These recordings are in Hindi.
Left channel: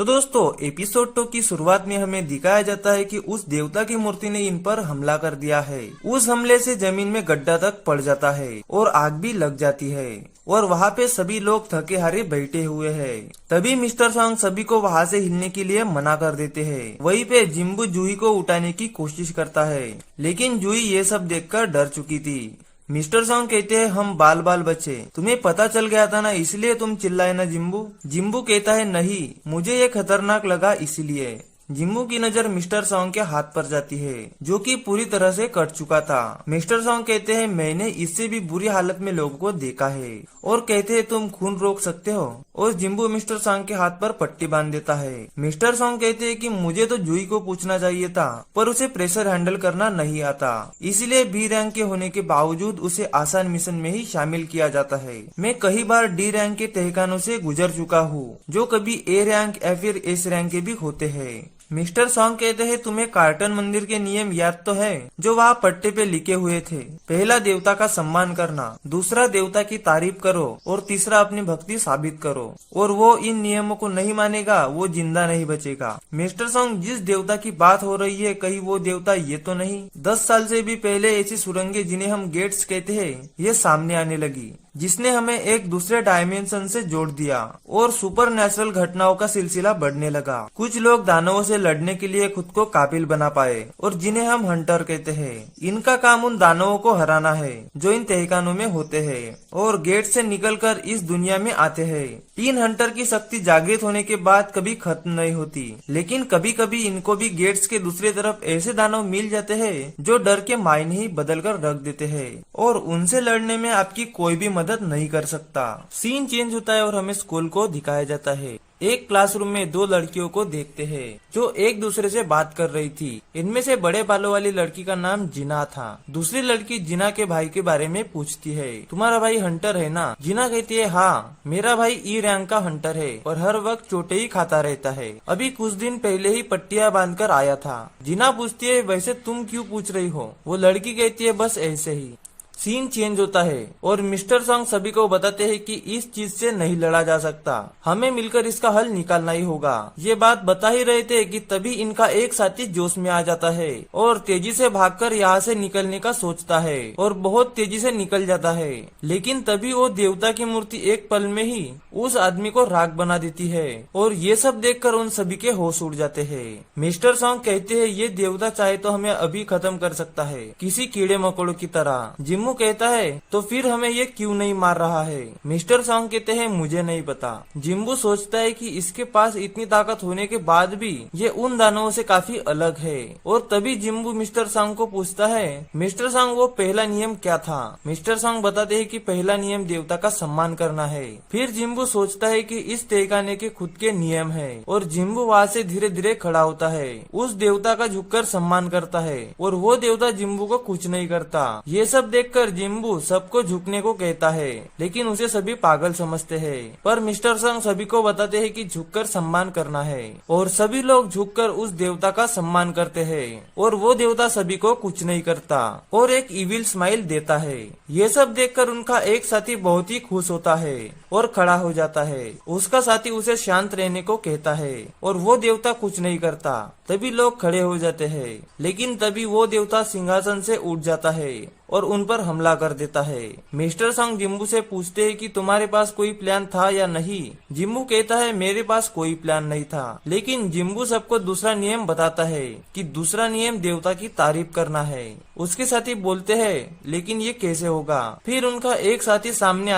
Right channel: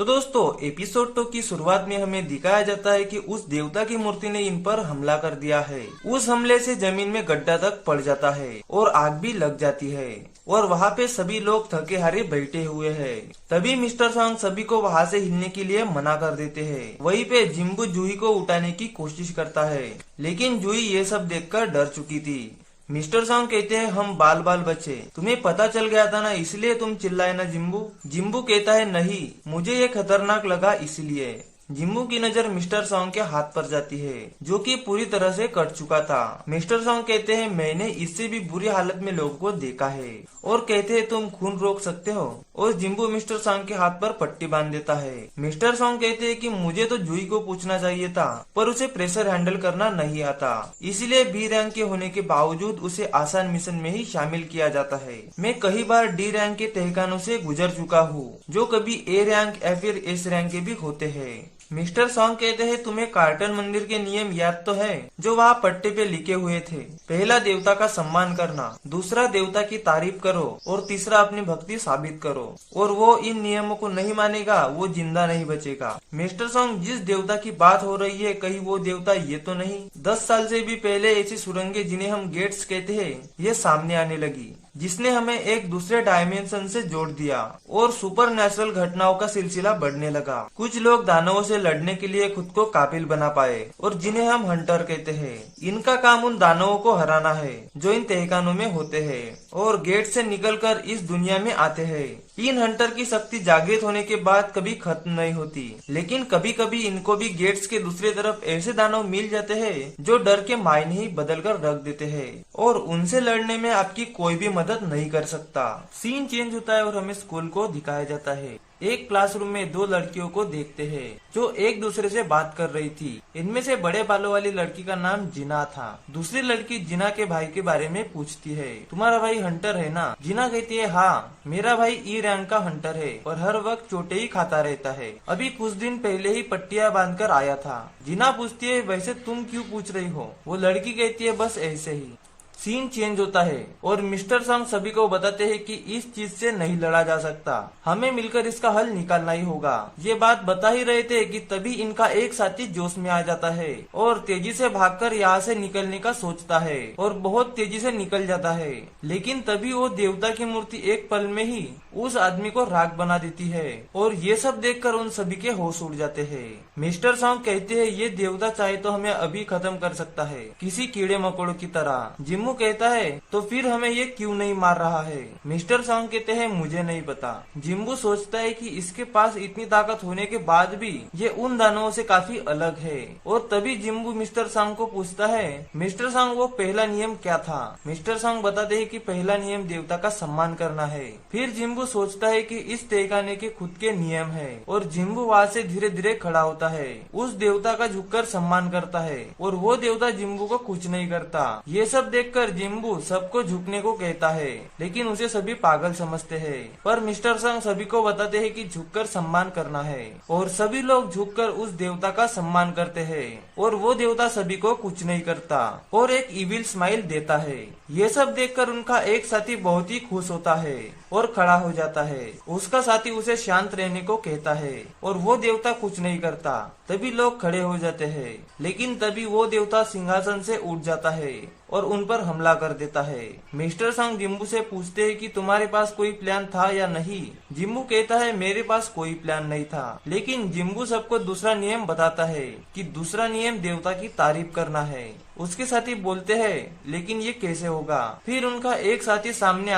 तो दोस्तों एपिसोड 2 की शुरुआत में हमें दिखाया जाता है कि उस देवता की मूर्ति ने इन पर हमला कर दिया है। उस हमले से जमीन में गड्ढा तक पड़ जाता है और आग भी लग जाती है और वहाँ पे सभी लोग थके हारे बैठे हुए हैं। तभी मिस्टर सॉन्ग सभी को वहाँ से हिलने के लिए मना कर देते हैं। वहीं पे जिम्बू जूही को उठाने की कोशिश करता है, लेकिन जूही ये सब देखकर डर चुकी थी। मिस्टर सॉन्ग कहते हैं हम बाल बाल बचे, तुम्हें पता चल गया था ना, इसलिए तुम चिल्लाए ना जिम्बू। जिम्बू कहता है नहीं, मुझे ये खतरनाक लगा इसलिए। जिम्बू की नजर मिस्टर सॉन्ग के हाथ पर जाती है जो कि पूरी तरह से कट चुका था। मिस्टर सॉन्ग कहते हैं मैंने इससे भी बुरी हालत में लोगों को देखा है, और कहते हैं तुम खून रोक सकते हो। और जिम्बू मिस्टर सॉन्ग के हाथ पर पट्टी बांध देता है। मिस्टर सॉन्ग कहते हैं कि मुझे तो जूही को पूछना चाहिए था, पर उसे प्रेशर हैंडल करना नहीं आता, इसलिए बी रैंक के होने के बावजूद उसे आसान मिशन में ही शामिल किया जाता है। मैं कई बार डी रैंक के तहखानों से गुजर चुका हूँ, जो कभी ए रैंक या फिर एस रैंक के भी होते हैं। मिस्टर सॉन्ग कहते हैं तुम्हें कार्टन मंदिर के नियम याद तो है जो वहाँ पट्टे पे लिखे हुए थे। पहला देवता का सम्मान करना, दूसरा देवता की तारीफ करो और तीसरा अपनी भक्ति साबित करो, और वो इन नियमों को नहीं मानेगा वो जिंदा नहीं बचेगा। मिस्टर सॉन्ग जिस देवता की बात हो रही है कहीं वो देवता ये तो नहीं। 10 साल से भी पहले ऐसी सुरंगें जिन्हें हम गेट्स कहते हैं ये सामने आने लगी, जिसने हमें एक दूसरे डायमेंशन से जोड़ दिया और सुपर नेचुरल घटनाओं का सिलसिला बढ़ने लगा। कुछ लोग दानवों से लड़ने के लिए खुद को काबिल बना पाए और जिन्हें हम हंटर कहते हैं। इनका काम उन दानवों को हराना है जो इन तहखानों में होते हैं और गेट से निकलकर इस दुनिया में आते हैं। तीन हंटर की शक्ति जागृत होने के बाद कभी खत्म नहीं होती, लेकिन कभी कभी इनको भी गेट्स के दूसरी तरफ ऐसे दानव मिल जाते हैं जो डर के मायने ही बदल कर रख देते हैं और उनसे लड़ने में आपकी कोई भी मदद नहीं कर सकता। सीन चेंज होता है और हमें स्कूल को दिखाया जाता है। एक क्लासरूम में दो लड़कियों को देखते हैं जो एक दूसरे से बात कर रही थी। इनमें से बड़े बालों वाली लड़की का नाम जिना था। दूसरी लड़की जिना के भाई के बारे में पूछती है, तुम्हारा भाई हंटर है ना? जिना कहती है हाँ, मेरा भाई ई रैंक का हंटर है और हर वक्त चोटे ही खाता रहता है। अभी कुछ दिन पहले ही पट्टियां बांधकर आया था। जिना पूछती है वैसे तुम क्यों पूछ रही हो? वो लड़की कहती है बस ऐसे ही। सीन चेंज होता है और मिस्टर सॉन्ग सभी को बताते हैं कि इस चीज से नहीं लड़ा जा सकता, हमें मिलकर इसका हल निकालना ही होगा। ये बात बता ही रहे थे कि तभी इनका एक साथी जोश में आ जाता है और तेजी से भागकर यहाँ से निकलने का सोचता है और बहुत तेजी से निकल जाता है। लेकिन तभी वो देवता की मूर्ति एक पल में ही उस आदमी को राख बना देती है और ये सब देखकर उन सभी के होश उड़ जाते हैं। मिस्टर सॉन्ग कहते हैं ये देवता चाहे तो हमें अभी खत्म कर सकता है किसी कीड़े मकोड़ों की तरह। जिम्मू कहता है तो फिर हमें ये क्यों नहीं मार रहा है? मिस्टर सॉन्ग कहते हैं मुझे नहीं पता। जिम्बू सोचता है कि इसके पास इतनी ताकत होने के बाद भी ये उन दानवों से काफी अलग है। और तभी जिम्बू मिस्टर सॉन्ग को पूछता है मिस्टर सॉन्ग वो पहला नियम क्या था? मिस्टर सॉन्ग बताते हैं कि पहला नियम देवता का सम्मान करना है। फिर जिम्बू सोचता है कि इस तहखाने के खुद के नियम है और जिम्बू वहाँ से धीरे धीरे खड़ा होता है, उस देवता का झुककर सम्मान करता है और वो देवता जिम्बू को कुछ नहीं करता। ये सब देखकर जिम्बू सबको झुकने को कहता है, लेकिन उसे सभी पागल समझते हैं। पर मिस्टर सॉन्ग सभी को बताते हैं कि झुककर सम्मान करना है और सभी लोग झुककर उस देवता का सम्मान करते हैं और वो देवता सभी को कुछ नहीं करता और एक इविल स्माइल देता है। ये सब देखकर उनका एक साथी बहुत ही खुश होता है और खड़ा हो जाता है। उसका साथी उसे शांत रहने को कहता है और वो देवता कुछ नहीं करता। तभी लोग खड़े हो जाते हैं, लेकिन तभी वो देवता सिंहासन से उठ जाता है और उन पर हमला कर देता है। मिस्टर सॉन्ग जिम्बू से पूछते हैं कि तुम्हारे पास कोई प्लान था या नहीं? जिम्बू कहता है मेरे पास कोई प्लान नहीं था, लेकिन जिम्बू सबको दूसरा नियम बताता है कि दूसरा नियम देवता की तारीफ करना है। उसके साथी बोलते हैं लेकिन ये कैसे होगा? फिर उनका एक साथी सामने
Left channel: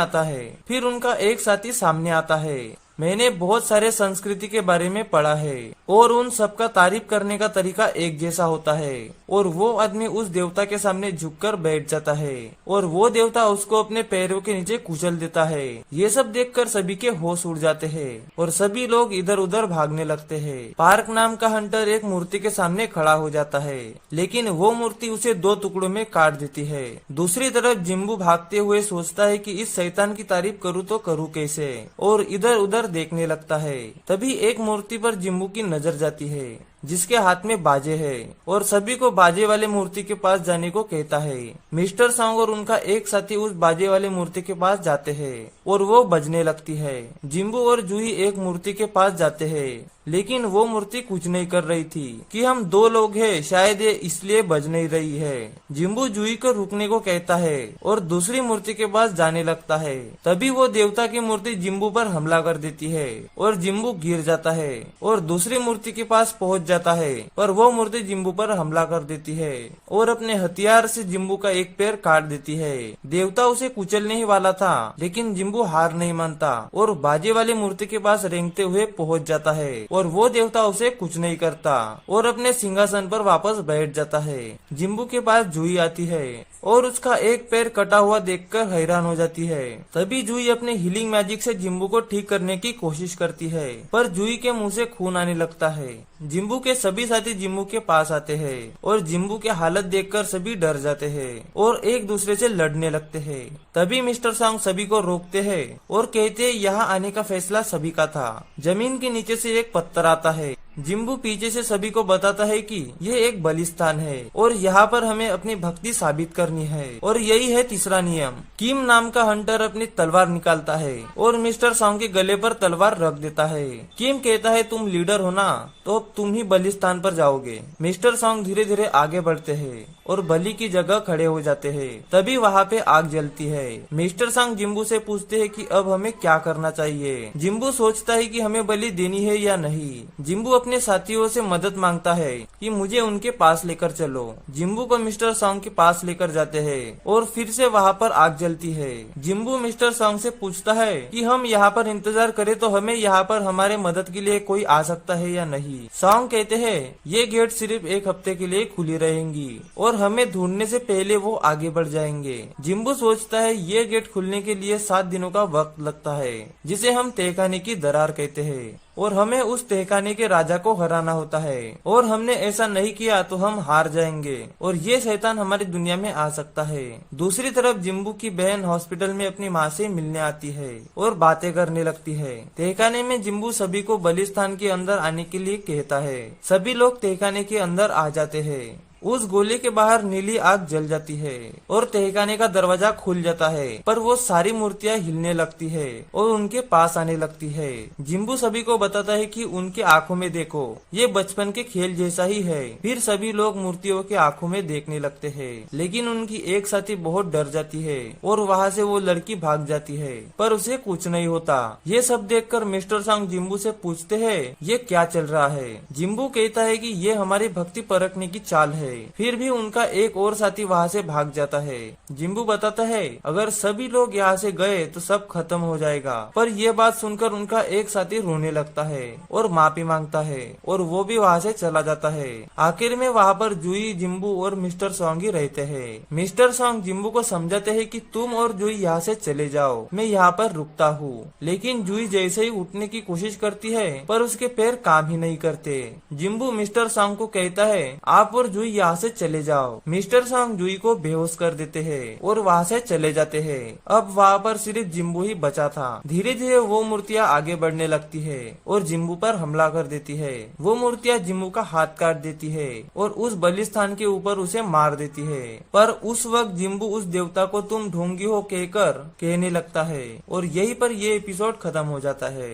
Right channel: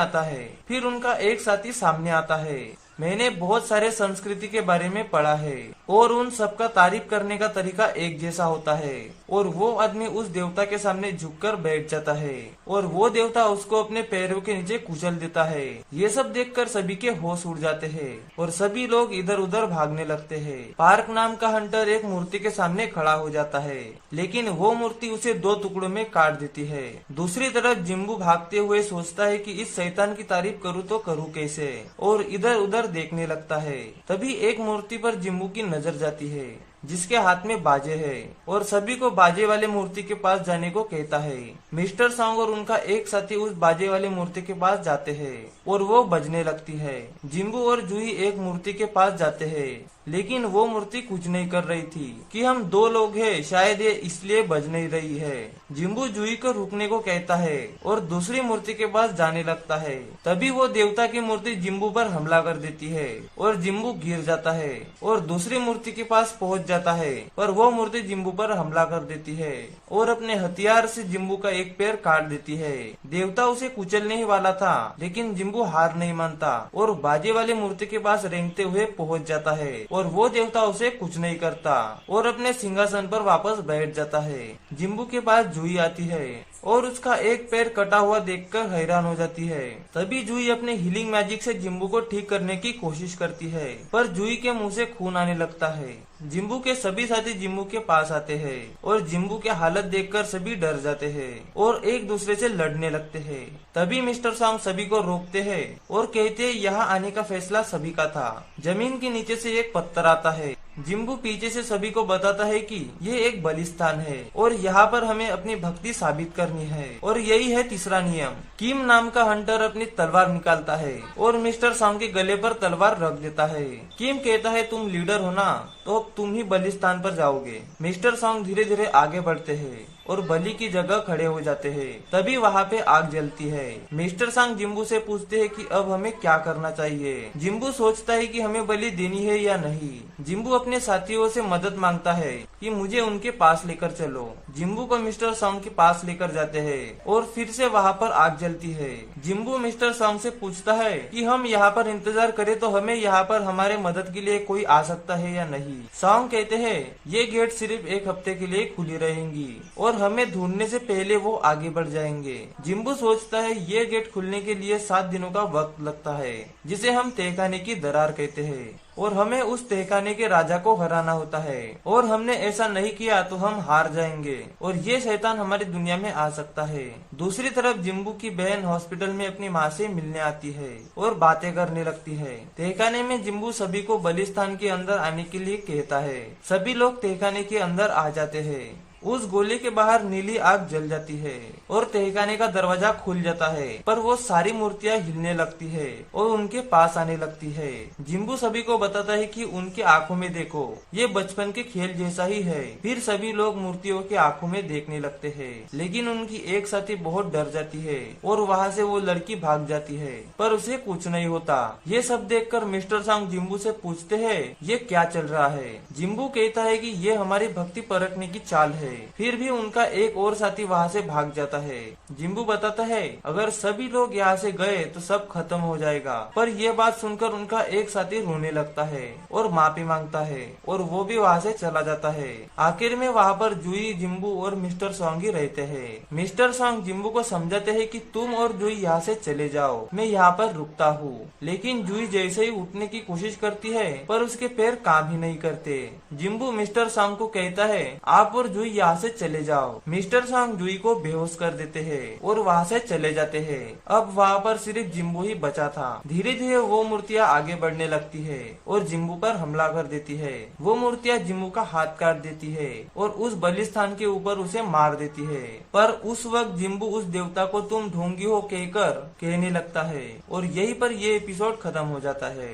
आता है। मैंने बहुत सारे संस्कृति के बारे में पढ़ा है और उन सबका तारीफ करने का तरीका एक जैसा होता है और वो आदमी उस देवता के सामने झुककर बैठ जाता है और वो देवता उसको अपने पैरों के नीचे कुचल देता है। ये सब देखकर सभी के होश उड़ जाते हैं और सभी लोग इधर उधर भागने लगते हैं। पार्क नाम का हंटर एक मूर्ति के सामने खड़ा हो जाता है, लेकिन वो मूर्ति उसे 2 टुकड़ों में काट देती है। दूसरी तरफ जिम्बू भागते हुए सोचता है कि इस शैतान की तारीफ करूँ तो करूँ कैसे, और इधर उधर देखने लगता है। तभी एक मूर्ति पर जिम्बू की नजर जाती है जिसके हाथ में बाजे है और सभी को बाजे वाले मूर्ति के पास जाने को कहता है। मिस्टर सॉन्ग और उनका एक साथी उस बाजे वाले मूर्ति के पास जाते हैं और वो बजने लगती है। जिम्बू और जूही एक मूर्ति के पास जाते हैं, लेकिन वो मूर्ति कुछ नहीं कर रही थी कि हम दो लोग हैं, शायद ये इसलिए बज नहीं रही है। जिम्बू जूही को रुकने को कहता है और दूसरी मूर्ति के पास जाने लगता है। तभी वो देवता की मूर्ति जिम्बू पर हमला कर देती है और जिम्बू गिर जाता है और दूसरी मूर्ति के पास पहुंच जाता है, पर वो मूर्ति जिम्बू पर हमला कर देती है और अपने हथियार से जिम्बू का एक पैर काट देती है। देवता उसे कुचलने ही वाला था, लेकिन जिम्बू हार नहीं मानता और बाजे वाली मूर्ति के पास रेंगते हुए पहुंच जाता है और वो देवता उसे कुछ नहीं करता और अपने सिंहासन पर वापस बैठ जाता है। जिम्बू के पास जूही आती है और उसका एक पैर कटा हुआ देखकर हैरान हो जाती है। तभी जूही अपने हीलिंग मैजिक से जिम्बू को ठीक करने की कोशिश करती है, पर जूही के मुंह से खून आने लगता है। जिम्बू के सभी साथी जिम्बू के पास आते हैं और जिम्बू की हालत देखकर सभी डर जाते हैं और एक दूसरे से लड़ने लगते हैं। तभी मिस्टर सॉन्ग सभी को रोकते हैं और कहते हैं यहाँ आने का फैसला सभी का था। जमीन के नीचे से एक पत्थर आता है। जिम्बू पीछे से सभी को बताता है कि ये एक बलिस्तान है और यहाँ पर हमें अपनी भक्ति साबित करनी है और यही है तीसरा नियम। किम नाम का हंटर अपनी तलवार निकालता है और मिस्टर सॉन्ग के गले पर तलवार रख देता है। किम कहता है तुम लीडर हो ना, तो तुम ही बलिस्तान पर जाओगे। मिस्टर सॉन्ग धीरे धीरे आगे बढ़ते हैं और बलि की जगह खड़े हो जाते हैं। तभी वहाँ पे आग जलती है। मिस्टर सॉन्ग जिम्बू से पूछते हैं कि अब हमें क्या करना चाहिए। जिम्बू सोचता है कि हमें बलि देनी है या नहीं। जिम्बू अपने साथियों से मदद मांगता है कि मुझे उनके पास लेकर चलो। जिम्बू को मिस्टर सॉन्ग के पास लेकर जाते हैं और फिर से वहाँ पर आग जलती है। जिम्बू मिस्टर सॉन्ग से पूछता है कि हम यहाँ पर इंतजार करें तो हमें यहाँ पर हमारे मदद के लिए कोई आ सकता है या नहीं। सॉन्ग कहते हैं ये गेट सिर्फ एक हफ्ते के लिए खुली रहेंगी और हमें ढूंढने से पहले वो आगे बढ़ जाएंगे। जिम्बू सोचता है ये गेट खुलने के लिए 7 दिनों का वक्त लगता है, जिसे हम तहखाने की दरार कहते हैं, और हमें उस तहखाने के राजा को हराना होता है और हमने ऐसा नहीं किया तो हम हार जाएंगे और ये शैतान हमारी दुनिया में आ सकता है। दूसरी तरफ जिम्बू की बहन हॉस्पिटल में अपनी माँ से मिलने आती है और बातें करने लगती है। तहखाने में जिम्बू सभी को बलिस्तान के अंदर आने के लिए कहता है। सभी लोग तहखाने के अंदर आ जाते हैं। उस गोले के बाहर नीली आग जल जाती है और तहखाने का दरवाजा खुल जाता है, पर वो सारी मूर्तियां हिलने लगती है और उनके पास आने लगती है। जिम्बू सभी को बताता है कि उनके आंखों में देखो, ये बचपन के खेल जैसा ही है। फिर सभी लोग मूर्तियों के आंखों में देखने लगते हैं, लेकिन उनकी एक साथी बहुत डर जाती है और वहाँ से वो लड़की भाग जाती है, पर उसे कुछ नहीं होता। ये सब देखकर मिस्टर सॉन्ग जिम्बू से पूछते हैं ये क्या चल रहा है। जिम्बू कहता है कि ये हमारी भक्ति परखने की चाल है। फिर भी उनका एक और साथी वहाँ से भाग जाता है। जिम्बू बताता है अगर सभी लोग यहाँ से गए तो सब खत्म हो जाएगा, पर यह बात सुनकर उनका एक साथी रोने लगता है और माफी मांगता है और वो भी वहाँ से चला जाता है। आखिर में वहाँ पर जूही, जिम्बू और मिस्टर सॉन्ग ही रहते हैं। मिस्टर सॉन्ग जिम्बू को समझाते हैं कि तुम और जूही यहाँ से चले जाओ, मैं यहाँ पर रुकता हूँ। लेकिन जूही जैसे ही उठने की कोशिश करती है, पर उसके पैर काम ही नहीं करते। जिम्बू मिस्टर सॉन्ग को कहता है आप और जूही यहाँ से चले जाओ। मिस्टर सॉन्ग जूही को बेहोश कर देते हैं और वहाँ से चले जाते हैं। अब वहाँ पर सिर्फ जिम्बू ही बचा था। धीरे धीरे वो मूर्तियाँ आगे बढ़ने लगती है और जिम्बू पर हमला कर देती है। वो मूर्तियाँ जिम्बू का हाथ काट देती है और उस बलिस्तान के ऊपर उसे मार देती है। पर उस वक्त जिम्बू उस देवता को तुम ढोंगी हो कहकर कहने लगता है और यहीं पर ये एपिसोड खत्म हो जाता है।